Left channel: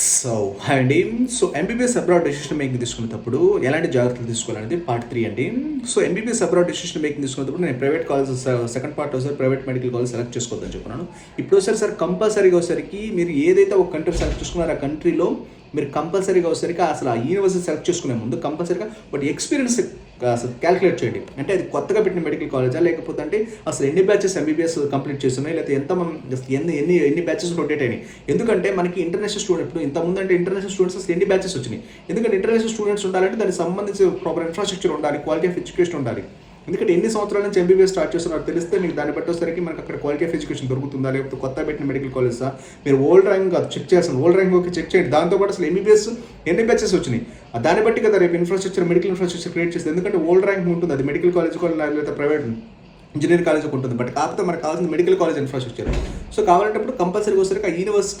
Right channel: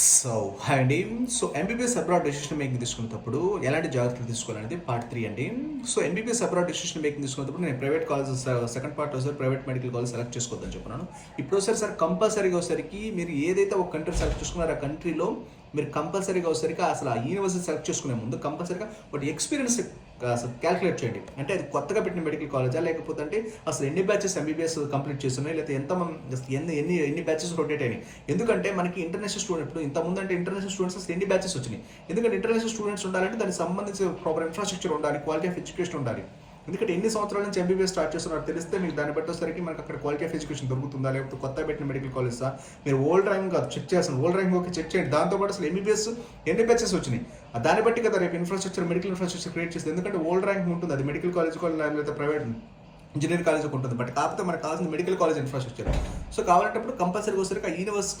So hi అండి. So MBBS abroad decision making తీసుకునేటప్పుడు ఎలాంటి జాగ్రత్తలు తీసుకోవాలనేది పార్ట్ 3 అండి. So MBBS abroad decision making తీసుకునేటప్పుడు నేను ప్రైవేట్ కాలేజెస్ సెకండ్ పార్ట్ ఒకసారి ప్రైవేట్ మెడికల్ కాలేజ్ సెలెక్ట్ చేసుకోవద్దని చెప్పినాను. ఇప్పుడు సార్ కంపల్సరీగా వచ్చేసరికి మీరు ఏదైతే ఒక కంట్రీ సెలెక్ట్ చేసుకున్నారో ఆ కంట్రీలో మీరు కంపల్సరీగా వచ్చేసరికి అసలు ఆ యూనివర్సిటీ సెలెక్ట్ చేసుకునే ముందు కంపల్సరీగా ఒకటి ఎక్స్పీరియన్స్ అసలు క్యాలిక్యులేట్ చేయండి. అంటే అది కొత్తగా పెట్టిన మెడికల్ కాలేజా, లేకపోతే అంటే అసలు ఎన్ని బ్యాచెస్ ఎంబీబీఎస్ కంప్లీట్ చేస్తున్నాయి, లేకపోతే ఎన్ని బ్యాచెస్ రొటేట్ అయినాయి. ఎందుకంటే మనకి ఇంటర్నేషనల్ స్టూడెంట్ ఇప్పుడు ఇంతకుముందు అంటే ఇంటర్నేషనల్ స్టూడెంట్స్ అసలు ఎన్ని బ్యాచెస్ వచ్చినాయి. ఎందుకంటే ఇంటర్నేషనల్ స్టూడెంట్స్ ఉండాలంటే దానికి సంబంధించి ప్రాపర్ ఇన్ఫ్రాస్ట్రక్చర్ ఉండాలి, క్వాలిటీ ఆఫ్ ఎడ్యుకేషన్ ఉండాలి. ఎందుకంటే ఎన్ని సంవత్సరాల నుంచి ఎంబీబీఎస్ స్టార్ట్ చేస్తున్నారో తెలిస్తే మీకు దాన్ని బట్టి వచ్చేసరికి మనకి అక్కడ క్వాలిటీ ఆఫ్ ఎడ్యుకేషన్ దొరుకుతుందా, లేకపోతే కొత్త పెట్టిన మెడికల్ కాలేజా, మీరు ఓల్డ్ ర్యాంక్ చెక్ చేస్తాను, ఓల్డ్ ర్యాంక్ ఓకే చెక్ చేయండి. దాంతోపాటు అసలు ఎంబీబీఎస్ ఎన్ని బ్యాచెస్ వచ్చినాయి దాన్ని బట్టి కదా రేపు మెడికల్ ఇన్ఫ్రాస్ట్రక్చర్ క్రియేట్ చేస్తుంది. ఎందుకంటే ఓల్డ్ ర్యాంక్ ఉంటుంది, అది మెడికల్ కాలేజ్ లేదా ప్రైవేట్ ఇంజనీరింగ్ కాలేజ్ ఉంటుంది. బట్ కాకపోతే మనకు కావాల్సిన మెడికల్ కాలేజ్ ఇన్ఫ్రాస్ట్రక్చర్. సో కావాలంటే కంపల్సరీగా వచ్చేసరికి ఆ యూనివర్సిటీ